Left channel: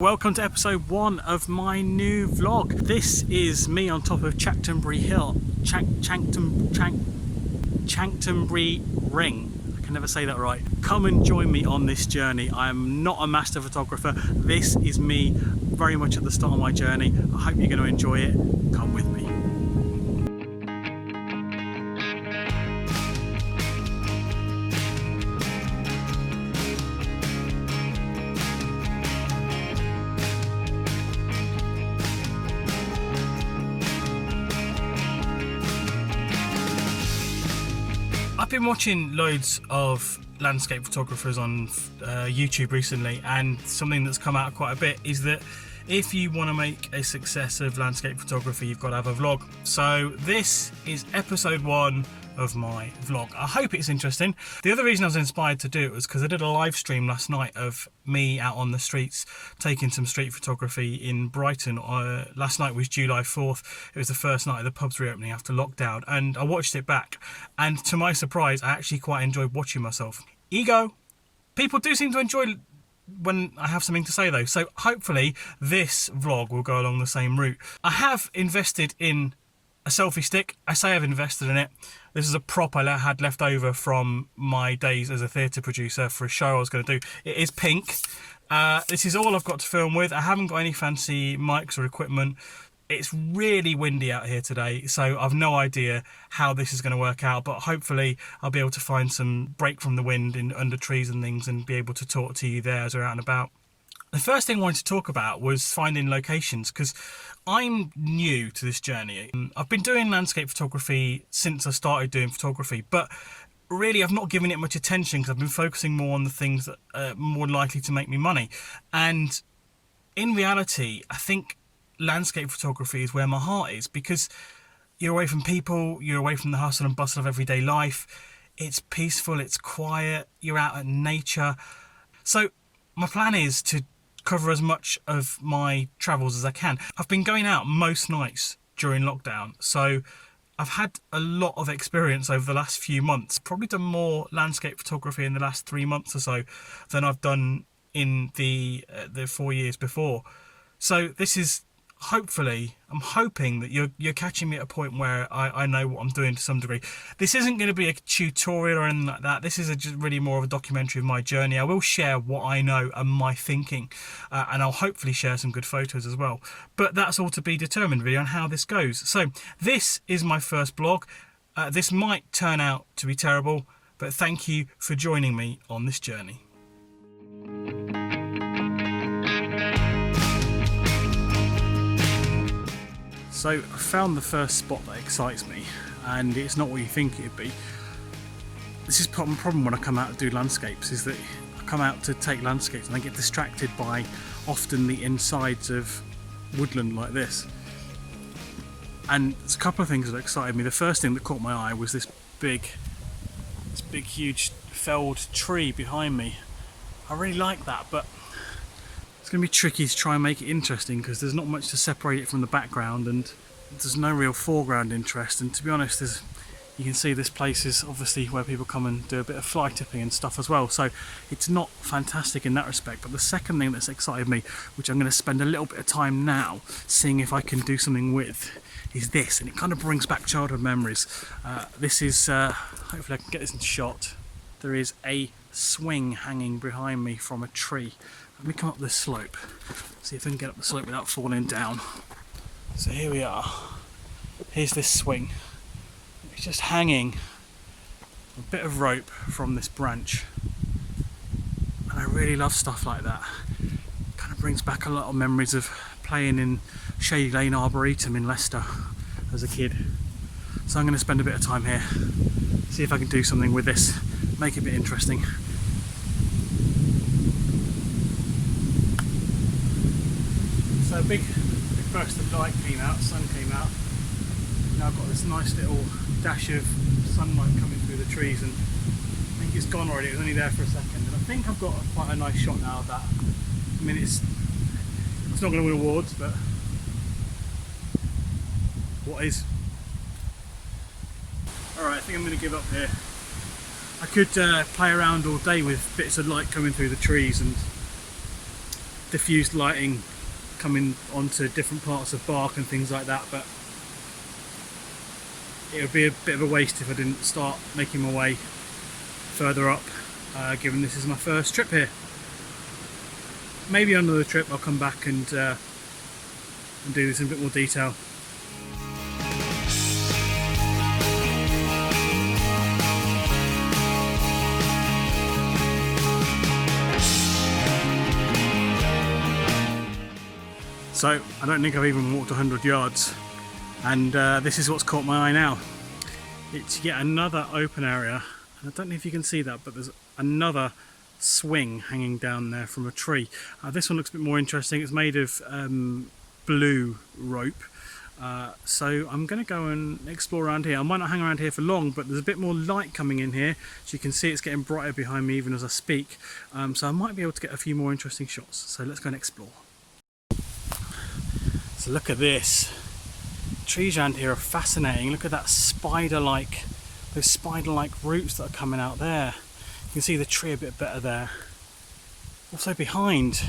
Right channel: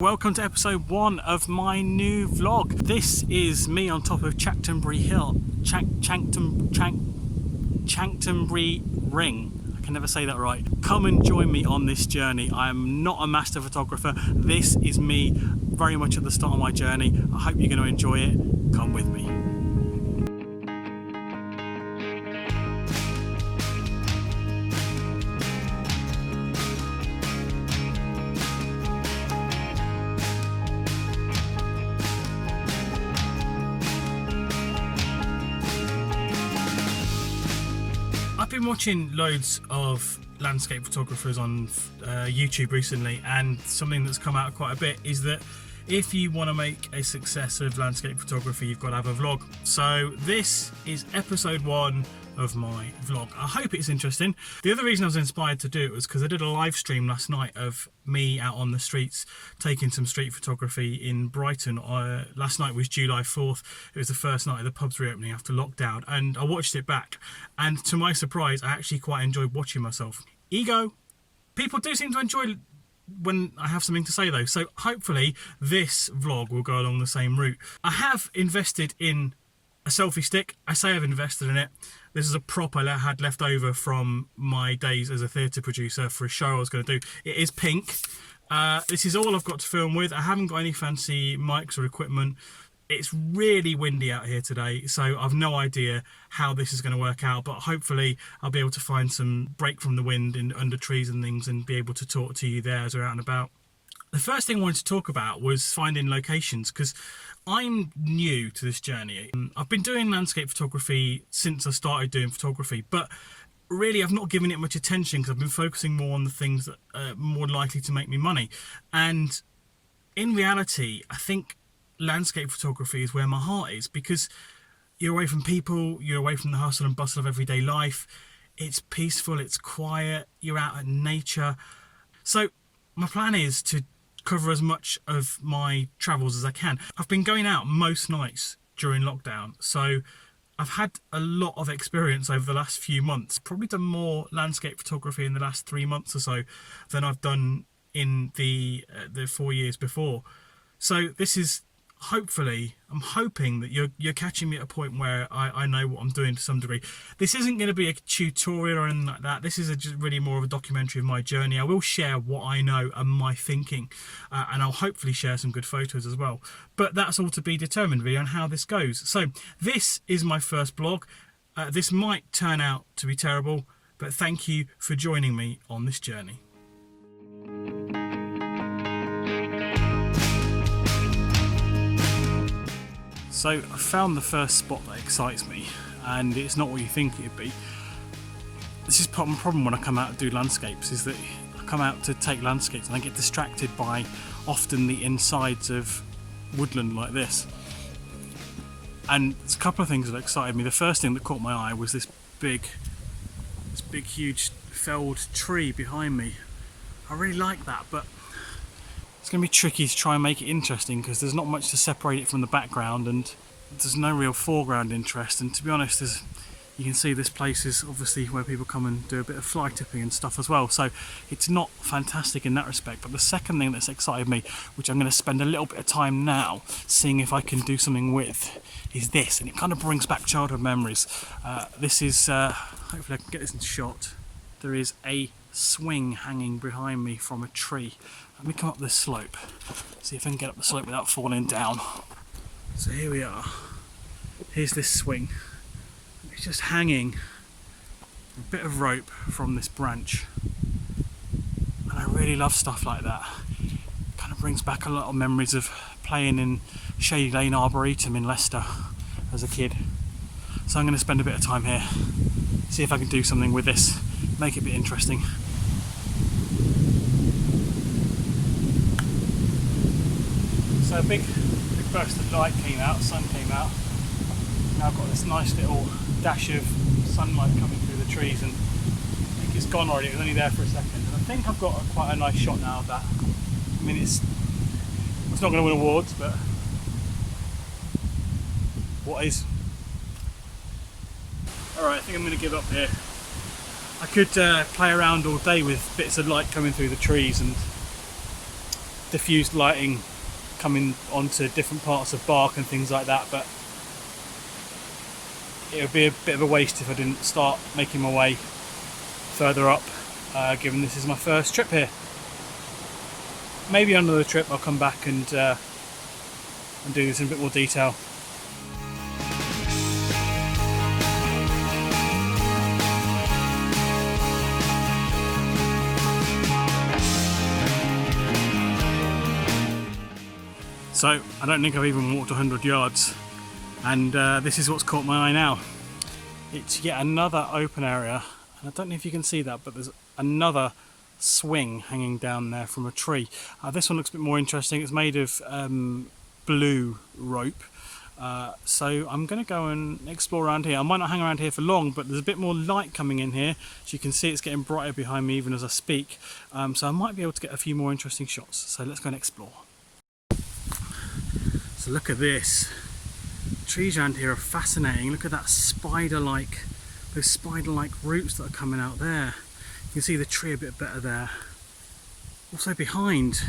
Welcome to episode 1 of my new vlog. This is me on top of Chanctonbury Hill, Chanctonbury Ring. I can never say that right. Come and join me on this journey. I am not a master photographer. This is me very much at the start of my journey. I hope you're going to enjoy it. Come with me. I've been watching loads of landscape photographers on YouTube recently, and something that's come out quite a bit is that if you want to make a success of landscape photography, you've got to have a vlog. So this is episode 1 of my vlog. I hope it's interesting. The other reason I was inspired to do it was because I did a live stream last night of me out on the streets taking some street photography in Brighton. Last night was July 4th. It was the first night of the pubs reopening after lockdown, and I watched it back, and to my surprise I actually quite enjoyed watching myself. Ego. People do seem to enjoy when I have something to say though, so hopefully this vlog will go along the same route. I have invested in a selfie stick. I say I've invested in it. This is a prop I had left over from my days as a theatre producer for a show I was going to do. It is pink. This is all I've got to film with. I haven't got any fancy mics or equipment. It's really windy out here today, so I've no idea how this is going to work out, but hopefully I'll be able to find some break from the wind under trees and things and be able to talk to you there as we're out and about. The first thing I wanted to talk about was finding locations, because I'm new to this journey. I've been doing landscape photography since I started doing photography, but really I've not given it much attention because I've been focusing more on the things that are more likely to make me money. And in reality, I think landscape photography is where my heart is, because you're away from people, you're away from the hustle and bustle of everyday life. It's peaceful, it's quiet, you're out in nature. So my plan is to cover as much of my travels as I can. I've been going out most nights during lockdown, so I've had a lot of experience over the last few months. Probably done more landscape photography in the last 3 months or so than I've done in the 4 years before. So this is, hopefully, I'm hoping that you're catching me at a point where I know what I'm doing to some degree. This isn't going to be a tutorial or anything like that. This is just really more of a documentary of my journey. I will share what I know and my thinking, and I'll hopefully share some good photos as well. But that's all to be determined really on how this goes. So this is my first blog. This might turn out to be terrible, but thank you for joining me on this journey. So I found the first spot that excites me, and it's not what you think it'd be. This is my problem when I come out to do landscapes, is that I come out to take landscapes and I get distracted by often the insides of woodland like this. And there's a couple of things that excited me. The first thing that caught my eye was this big huge felled tree behind me. I really like that, but it's going to be tricky to try and make it interesting because there's not much to separate it from the background, and there's no real foreground interest. And to be honest, you can see this place is obviously where people come and do a bit of fly tipping and stuff as well, so it's not fantastic in that respect. But the second thing that's excited me, which I'm going to spend a little bit of time now seeing if I can do something with, is this, and it kind of brings back childhood memories. This is, hopefully I can get this in shot. There is a swing hanging behind me from a tree. Let me come up this slope, see if I can get up the slope without falling down. So here we are. Here's this swing. It's just hanging a bit of rope from this branch. And I really love stuff like that. It kind of brings back a lot of memories of playing in Shady Lane Arboretum in Leicester as a kid. So I'm going to spend a bit of time here, see if I can do something with this, make it a bit interesting. So a big burst of light came out, sun came out. Now I've got this nice little dash of sunlight coming through the trees, and I think it's gone already. It was only there for a second, and I think I've got quite a nice shot now of that. I mean, it's not going to win awards, but what is? Alright, I think I'm going to give up here. I could play around all day with bits of light coming through the trees and diffused lighting coming onto different parts of bark and things like that, but it would be a bit of a waste if I didn't start making my way further up, given this is my first trip here. Maybe on another trip I'll come back and do this in a bit more detail. So I don't think I've even walked 100 yards, and this is what's caught my eye now. It's yet another open area, and I don't know if you can see that, but there's another swing hanging down there from a tree. This one looks a bit more interesting. It's made of blue rope, so I'm going to go and explore around here. I might not hang around here for long, but there's a bit more light coming in here, so you can see it's getting brighter behind me even as I speak, so I might be able to get a few more interesting shots. So let's go and explore. So look at this. Trees around here are fascinating. Look at that spider-like, those spider-like roots that are coming out there. You can see the tree a bit better there. Also behind,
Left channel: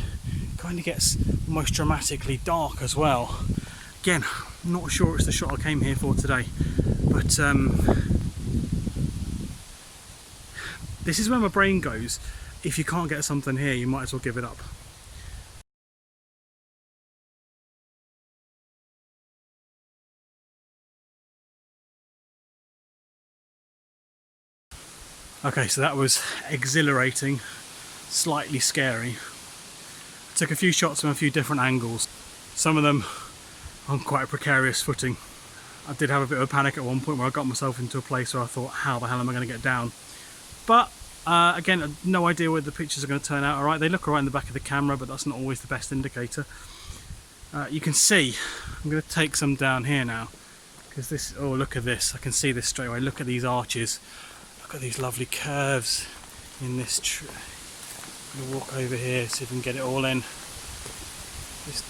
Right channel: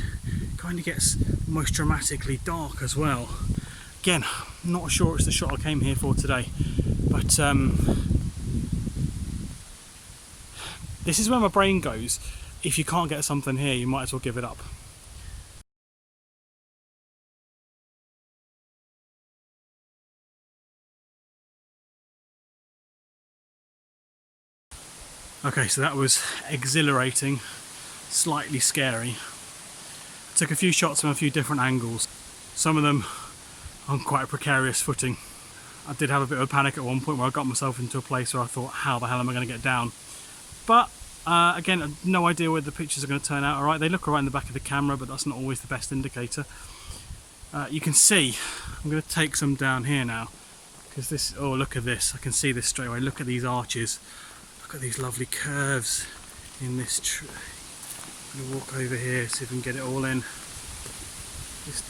kind of gets almost dramatically dark as well. Again, I'm not sure it's the shot I came here for today, but this is where my brain goes. If you can't get something here, you might as well give it up. Okay, so that was exhilarating, slightly scary. I took a few shots from a few different angles, some of them on quite a precarious footing. I did have a bit of a panic at one point where I got myself into a place where I thought, how the hell am I going to get down? But again, no idea whether the pictures are going to turn out alright. They look alright in the back of the camera, but that's not always the best indicator. You can see, I'm going to take some down here now, because this, oh look at this, I can see this straight away. Look at these arches. Look at these lovely curves in this tree. I'm going to walk over here, see if we can get it all in.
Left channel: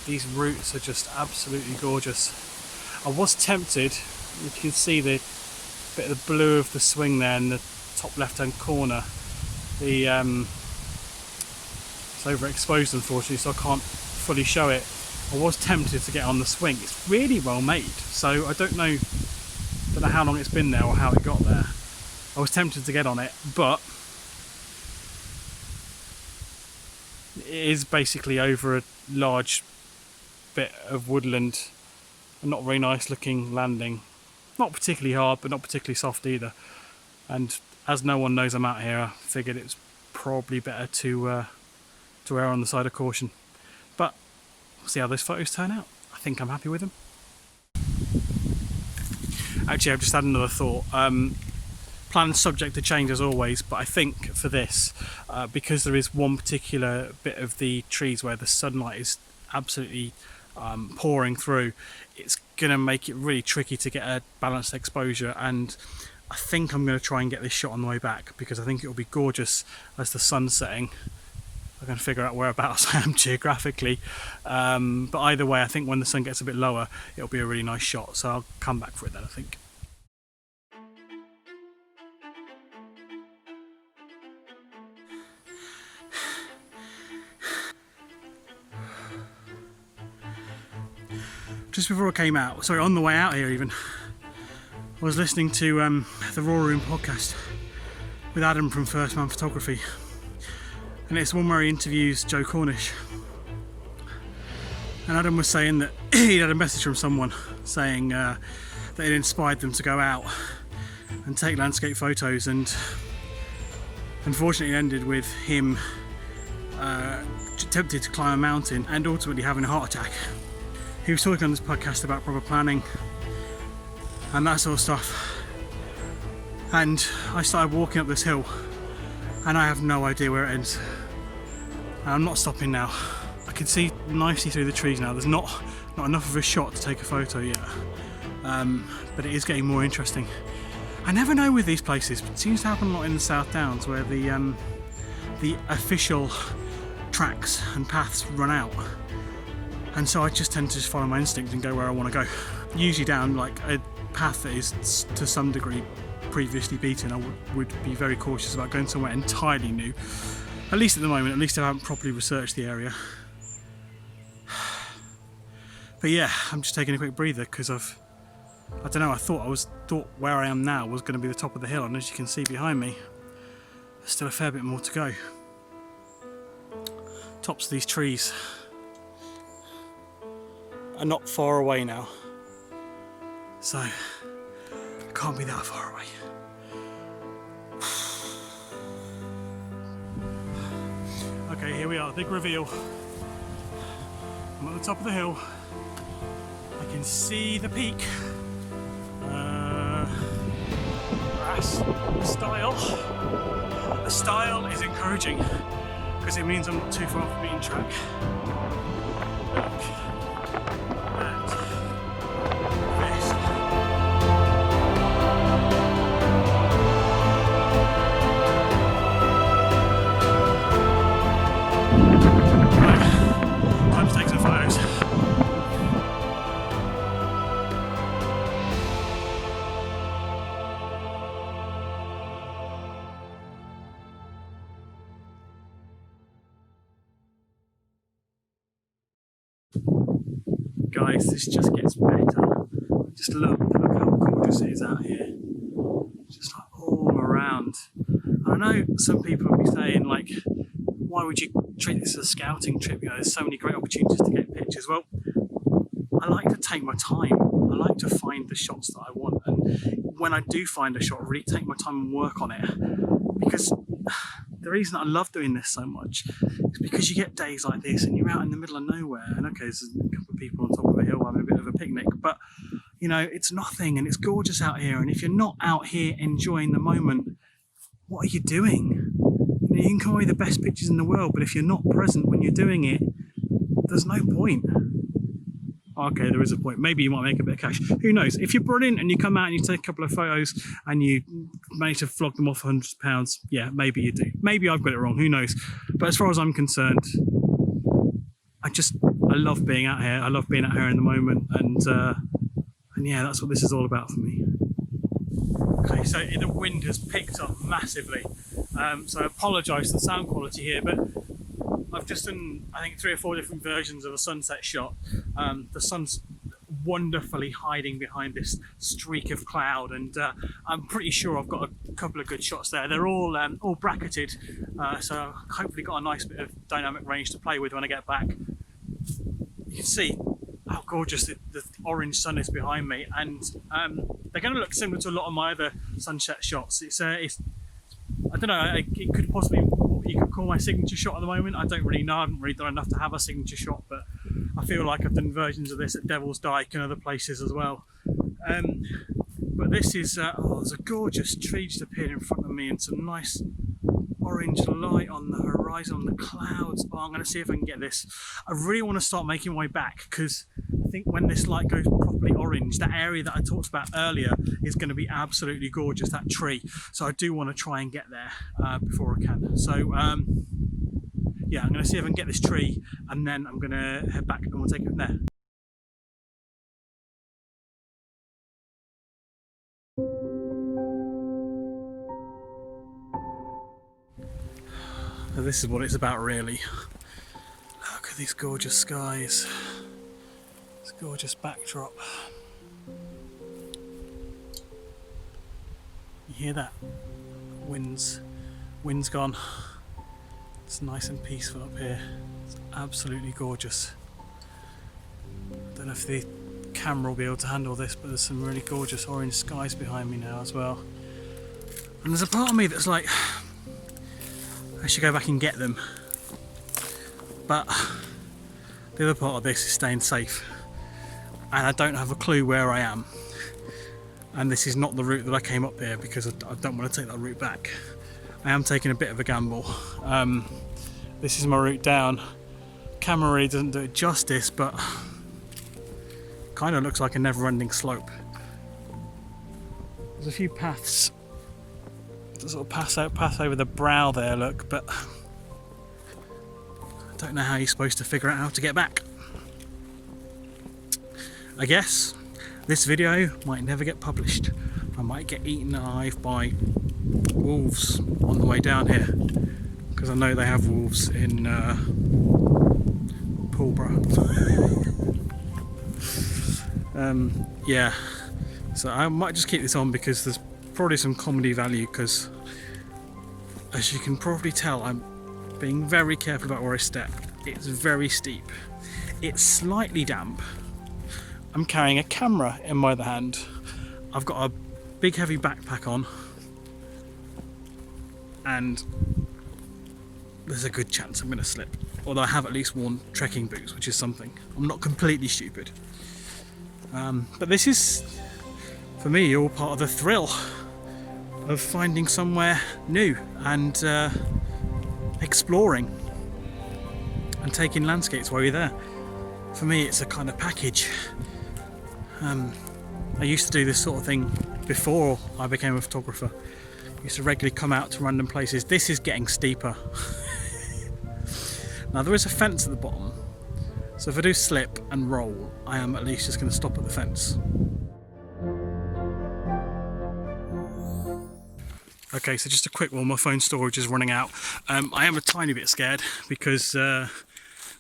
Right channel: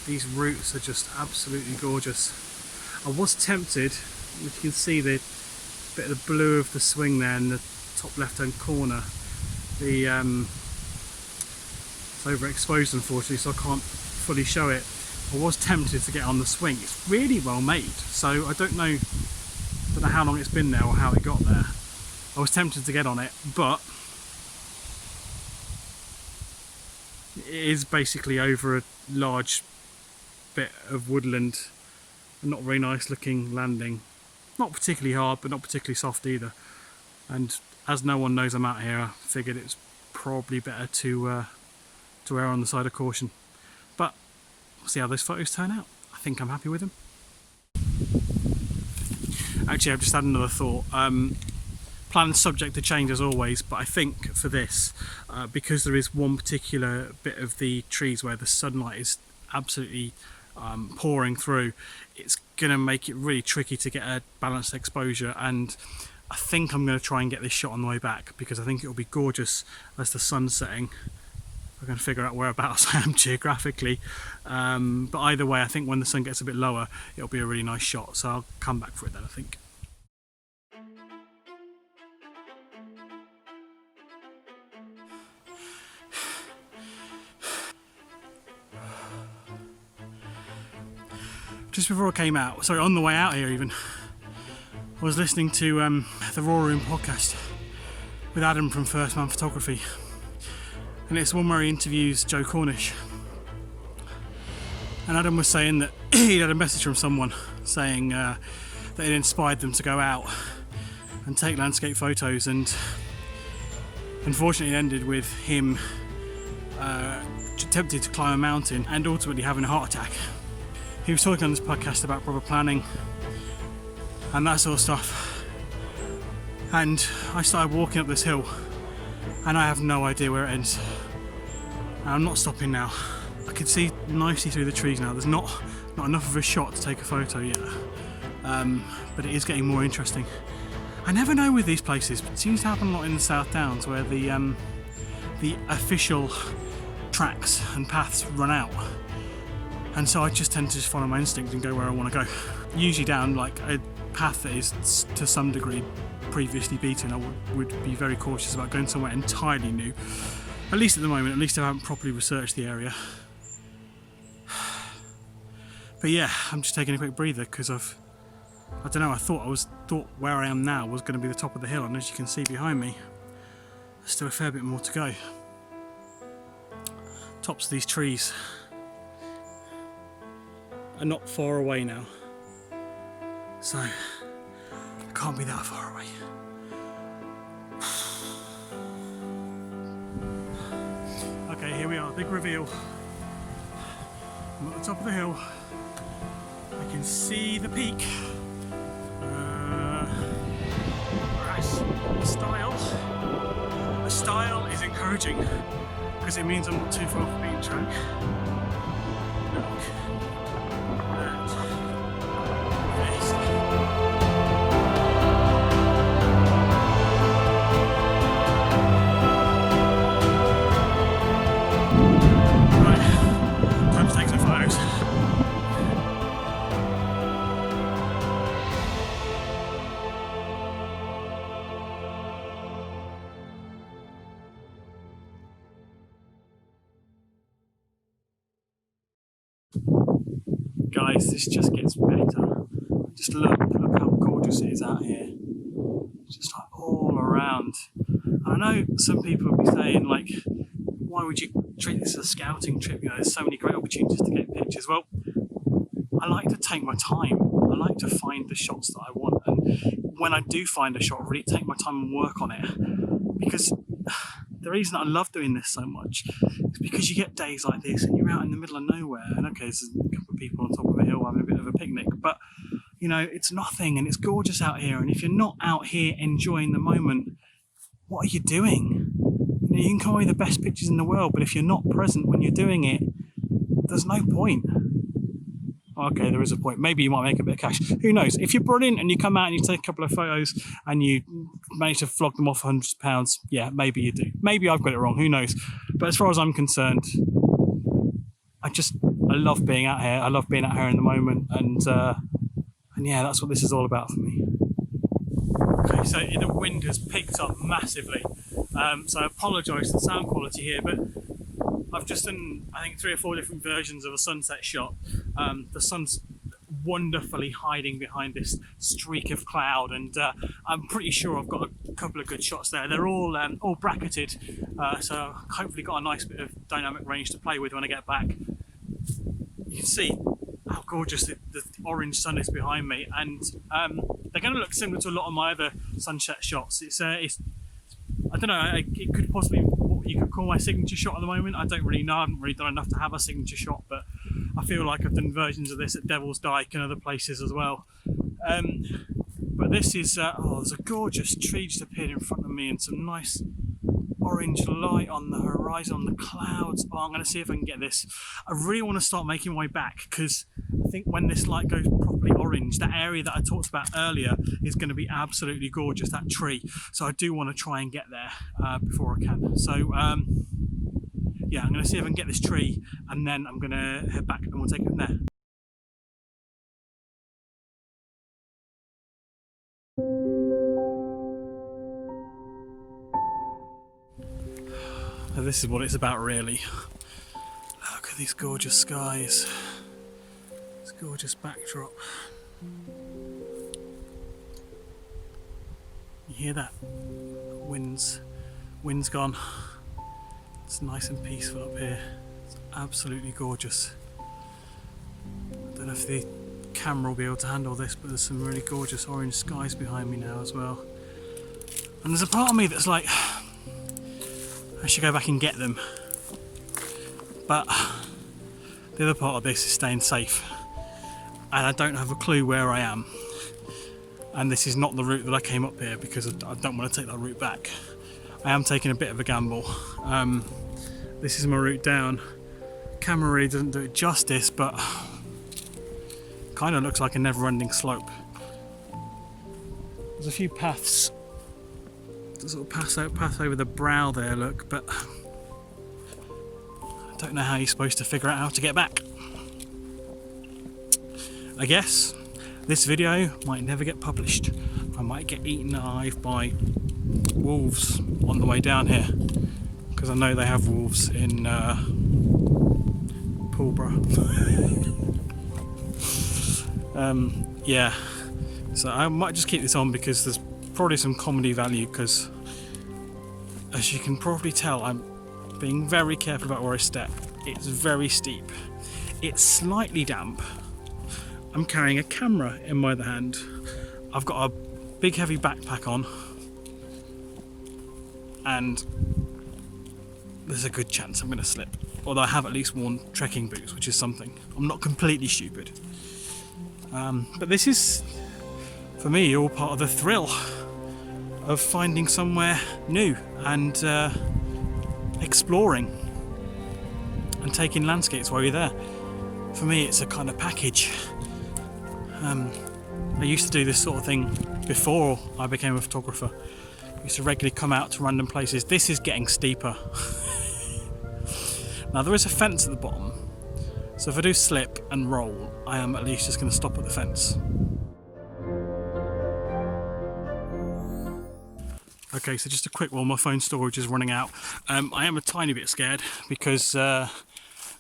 These roots are just absolutely gorgeous. I was tempted, you can see the bit of the blue of the swing there in the top left hand corner. It's overexposed unfortunately, so I can't fully show it. I was tempted to get on the swing. It's really well made, so I don't know how long it's been there or how it got there. I was tempted to get on it, but it is basically over a large bit of woodland. A not very nice looking landing. Not particularly hard, but not particularly soft either. And as no one knows I'm out here, I figured it's probably better to err on the side of caution. But we'll see how those photos turn out. I think I'm happy with them. Actually, I've just had another thought. Plan's subject to change as always, but I think for this, because there is one particular bit of the trees where the sunlight is absolutely pouring through, it's going to make it really tricky to get a balanced exposure, and I think I'm going to try and get this shot on the way back, because I think it will be gorgeous as the sun's setting. I'm going to figure out whereabouts I am geographically, but either way I think when the sun gets a bit lower it'll be a really nice shot, so I'll come back for it then I think. Just before I came out, sorry, on the way out here even, I was listening to the Raw Room podcast with Adam from First Man Photography, and it's one where he interviews Joe Cornish, and Adam was saying that he'd had a message from someone saying that it inspired them to go out and take landscape photos, and unfortunately it ended with him attempting to climb a mountain and ultimately having a heart attack. He was talking on this podcast about proper planning and that sort of stuff, and I started walking up this hill and I have no idea where it ends, and I'm not stopping now. I can see nicely through the trees now. There's not enough of a shot to take a photo yet, but it is getting more interesting. I never know with these places, but it seems to happen a lot in the South Downs where the official tracks and paths run out. And so I just tend to just follow my instinct and go where I want to go. Usually down like a path that is to some degree previously beaten, I would be very cautious about going somewhere entirely new. At least at the moment, at least I haven't properly researched the area. But yeah, I'm just taking a quick breather because I don't know, I thought where I am now was going to be the top of the hill, and as you can see behind me, there's still a fair bit more to go. Tops of these trees are not far away now, so I can't be that far away. Okay, here we are, big reveal. I'm at the top of the hill. I can see the peak. A style is encouraging because it means I'm not too far off the beaten track. Look at this. Right, time to take some photos. Guys, this just gets better. Just look how gorgeous it is out here. Just like all around. I know some people will be saying, like, why would you treat this as a scouting trip? You know, there's so many great opportunities to get pictures. Well, I like to take my time. I like to find the shots that I want, and when I do find a shot, really take my time and work on it. Because the reason I love doing this so much is because you get days like this and you're out in the middle of nowhere, and okay, there's a couple of people on top of a hill having a bit of a picnic, but you know, it's nothing and it's gorgeous out here, and if you're not out here enjoying the moment, what are you doing? You know, you can come away with the best pictures in the world, but if you're not present when you're doing it, there's no point. Okay, there is a point. Maybe you might make a bit of cash. Who knows? If you're brilliant and you come out and you take a couple of photos and you manage to flog them off £100, yeah, maybe you do. Maybe I've got it wrong. Who knows? But as far as I'm concerned, I love being out here. I love being out here in the moment, and yeah, that's what this is all about for me. Okay, so the wind has picked up massively, so I apologise for the sound quality here, but I've just done, I think, 3 or 4 different versions of a sunset shot. The sun's wonderfully hiding behind this streak of cloud, and I'm pretty sure I've got a couple of good shots there. They're all bracketed, so hopefully got a nice bit of dynamic range to play with when I get back. You can see how gorgeous the orange sun is behind me, and they're going to look similar to a lot of my other sunset shots. It's I don't know, it could possibly be what you could call my signature shot at the moment. I don't really know. I haven't really done enough to have a signature shot, but I feel like I've done versions of this at Devil's Dyke and other places as well. But this is, there's a gorgeous tree just appeared in front of me and some nice orange light on the horizon, on the clouds. Oh, I'm going to see if I can get this. I really want to start making my way back, because I think when this light goes properly orange, that area that I talked about earlier is going to be absolutely gorgeous, that tree. So I do want to try and get there before I can. So yeah, I'm going to see if I can get this tree, and then I'm going to head back and we'll take it from there. So this is what it's about, really. Look at these gorgeous skies, this gorgeous backdrop. You hear that? Wind's gone. It's nice and peaceful up here. It's absolutely gorgeous. I don't know if the camera will be able to handle this, but there's some really gorgeous orange skies behind me now as well. And there's a part of me that's like, I should go back and get them. But the other part of this is staying safe. And I don't have a clue where I am. And this is not the route that I came up here, because I don't want to take that route back. I am taking a bit of a gamble. This is my route down. Camera really doesn't do it justice, but kind of looks like a never-ending slope. There's a few paths, sort of path over the brow there, look, but I don't know how you're supposed to figure out how to get back. I guess this video might never get published. I might get eaten alive by wolves on the way down here, because I know they have wolves in Pulborough. Yeah, so I might just keep this on because there's probably some comedy value, because as you can probably tell, I'm being very careful about where I step. It's very steep, it's slightly damp. I'm carrying a camera in my other hand. I've got a big heavy backpack on, and there's a good chance I'm going to slip. Although I have at least worn trekking boots, which is something. I'm not completely stupid. But this is, for me, all part of the thrill of finding somewhere new and exploring and taking landscapes while you're there. For me, it's a kind of package. I used to do this sort of thing before I became a photographer. I used to regularly come out to random places. This is getting steeper. Now there is a fence at the bottom, so if I do slip and roll, I am at least just going to stop at the fence. Okay, so just a quick one, my phone storage is running out. I am a tiny bit scared because, well,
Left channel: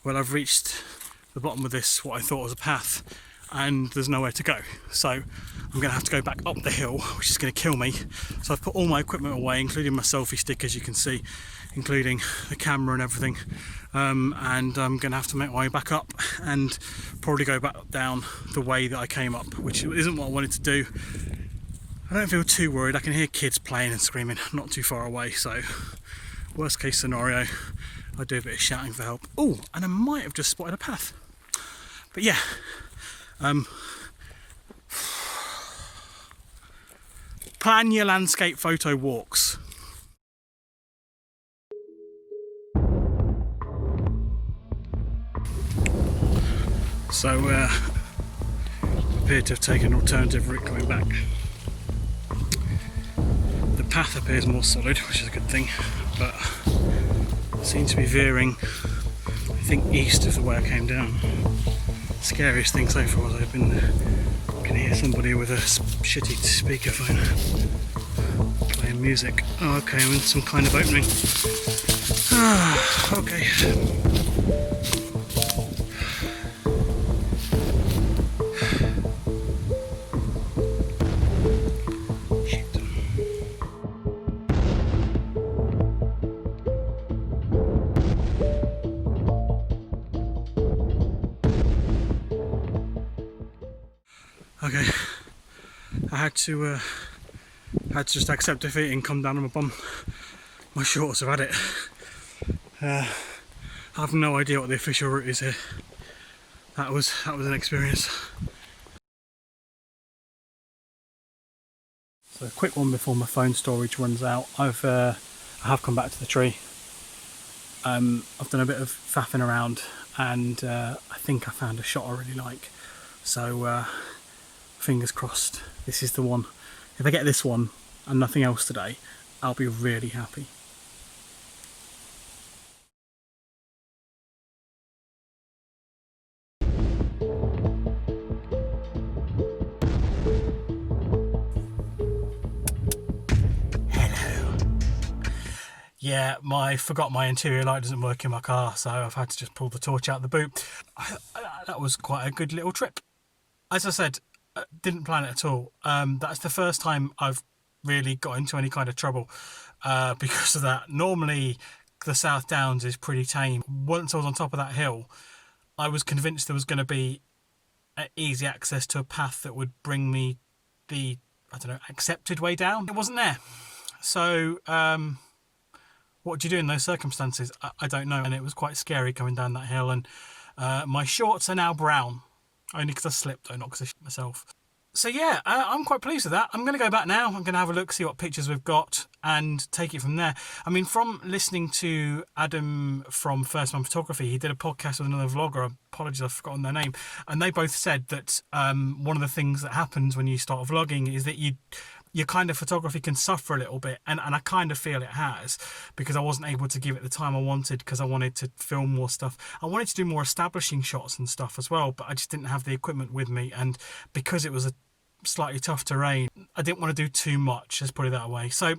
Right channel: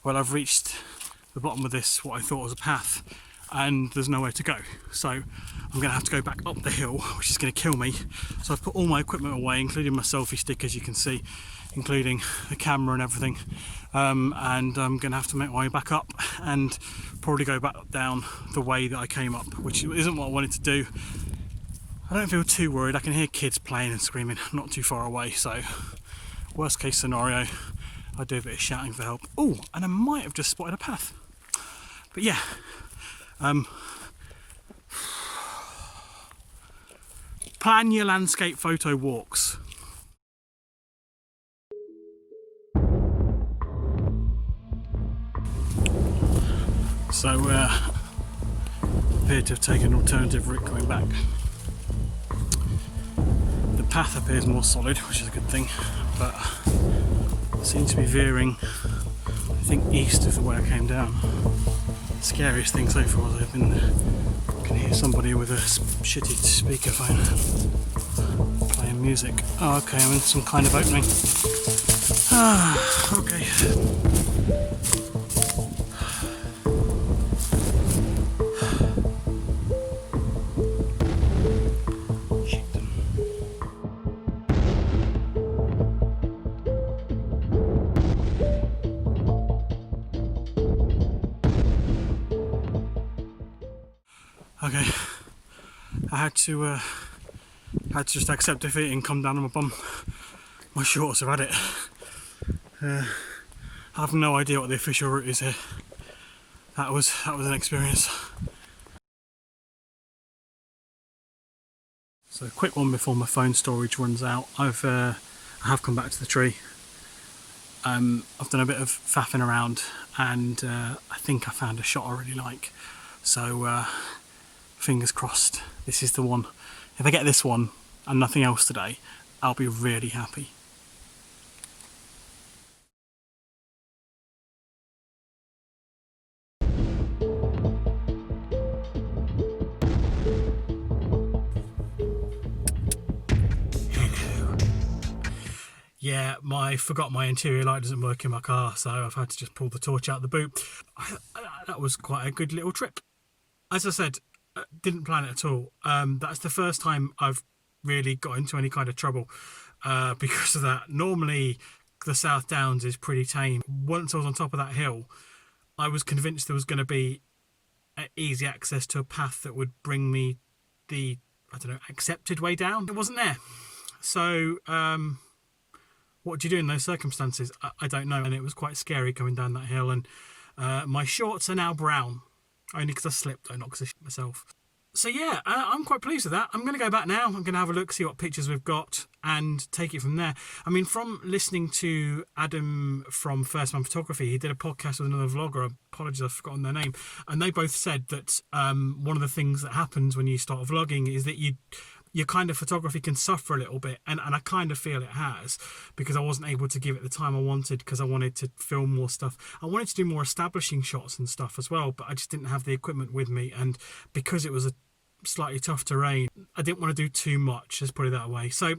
I've reached the bottom of this, what I thought was a path, and there's nowhere to go. So I'm going to have to go back up the hill, which is going to kill me. So I've put all my equipment away, including my selfie stick, as you can see, including the camera and everything. And I'm going to have to make my way back up and probably go back down the way that I came up, which isn't what I wanted to do. I don't feel too worried. I can hear kids playing and screaming not too far away, so worst case scenario, I do a bit of shouting for help. Oh, and I might have just spotted a path. But yeah, plan your landscape photo walks. So appeared to have taken an alternative route coming back. The path appears more solid, which is a good thing, but seems to be veering, I think, east of the way I came down. Scariest thing so far is I've been there. I can hear somebody with a shitty speakerphone playing music. Oh, okay, I'm in some kind of opening. Ah, okay. Okay, I had to just accept defeat and come down on my bum. My shorts have had it. I have no idea what the official route is here. That was an experience. So a quick one before my phone storage runs out. I have come back to the tree. I've done a bit of faffing around, and I think I found a shot I really like. So fingers crossed, this is the one. If I get this one and nothing else today, I'll be really happy. Yeah, forgot my interior light doesn't work in my car, so I've had to just pull the torch out the boot. That was quite a good little trip. As I said, didn't plan it at all. That's the first time I've really got into any kind of trouble because of that. Normally the South Downs is pretty tame. Once I was on top of that hill, I was convinced there was going to be easy access to a path that would bring me the, I don't know, accepted way down. It wasn't there. So what do you do in those circumstances? I don't know. And it was quite scary coming down that hill, and my shorts are now brown. Only because I slipped, though, not because I shit myself. So yeah, I'm quite pleased with that. I'm going to go back now. I'm going to have a look, see what pictures we've got, and take it from there. I mean, from listening to Adam from First Man Photography, he did a podcast with another vlogger. Apologies, I've forgotten their name. And they both said that one of the things that happens when you start vlogging is that your kind of photography can suffer a little bit, and I kind of feel it has, because I wasn't able to give it the time I wanted because I wanted to film more stuff. I wanted to do more establishing shots and stuff as well, but I just didn't have the equipment with me, and because it was a slightly tough terrain, I didn't want to do too much, let's put it that way. So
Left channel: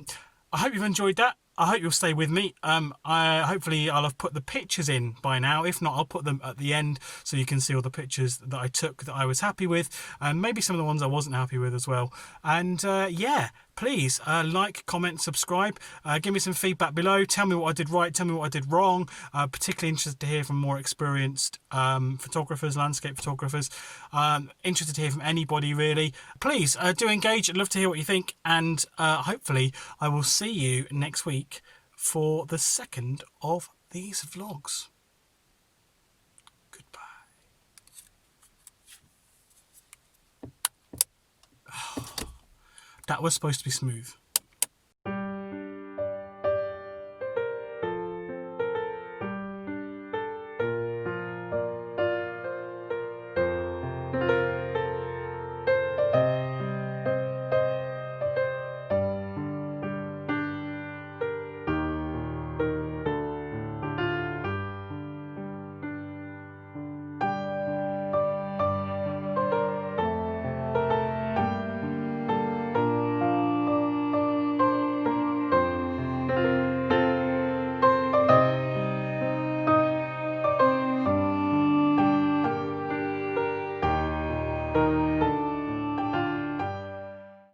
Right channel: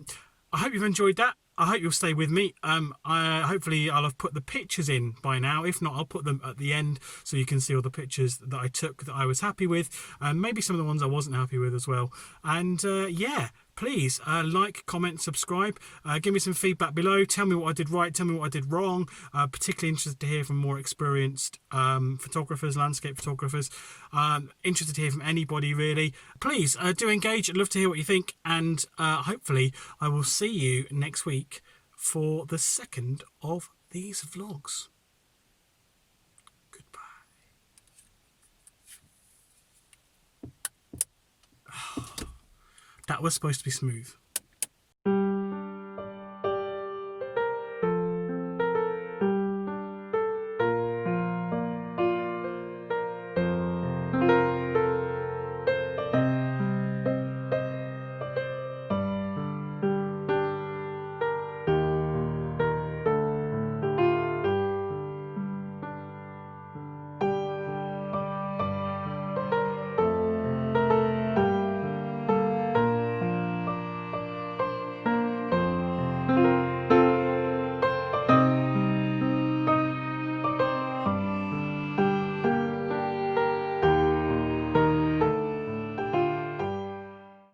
I hope you've enjoyed that. I hope you'll stay with me. Hopefully I'll have put the pictures in by now. If not, I'll put them at the end so you can see all the pictures that I took that I was happy with, and maybe some of the ones I wasn't happy with as well. And yeah, please like, comment, subscribe. Give me some feedback below. Tell me what I did right. Tell me what I did wrong. Particularly interested to hear from more experienced photographers, landscape photographers. Interested to hear from anybody really. Please do engage. I'd love to hear what you think. And hopefully I will see you next week for the second of these vlogs. Goodbye. That was supposed to be smooth.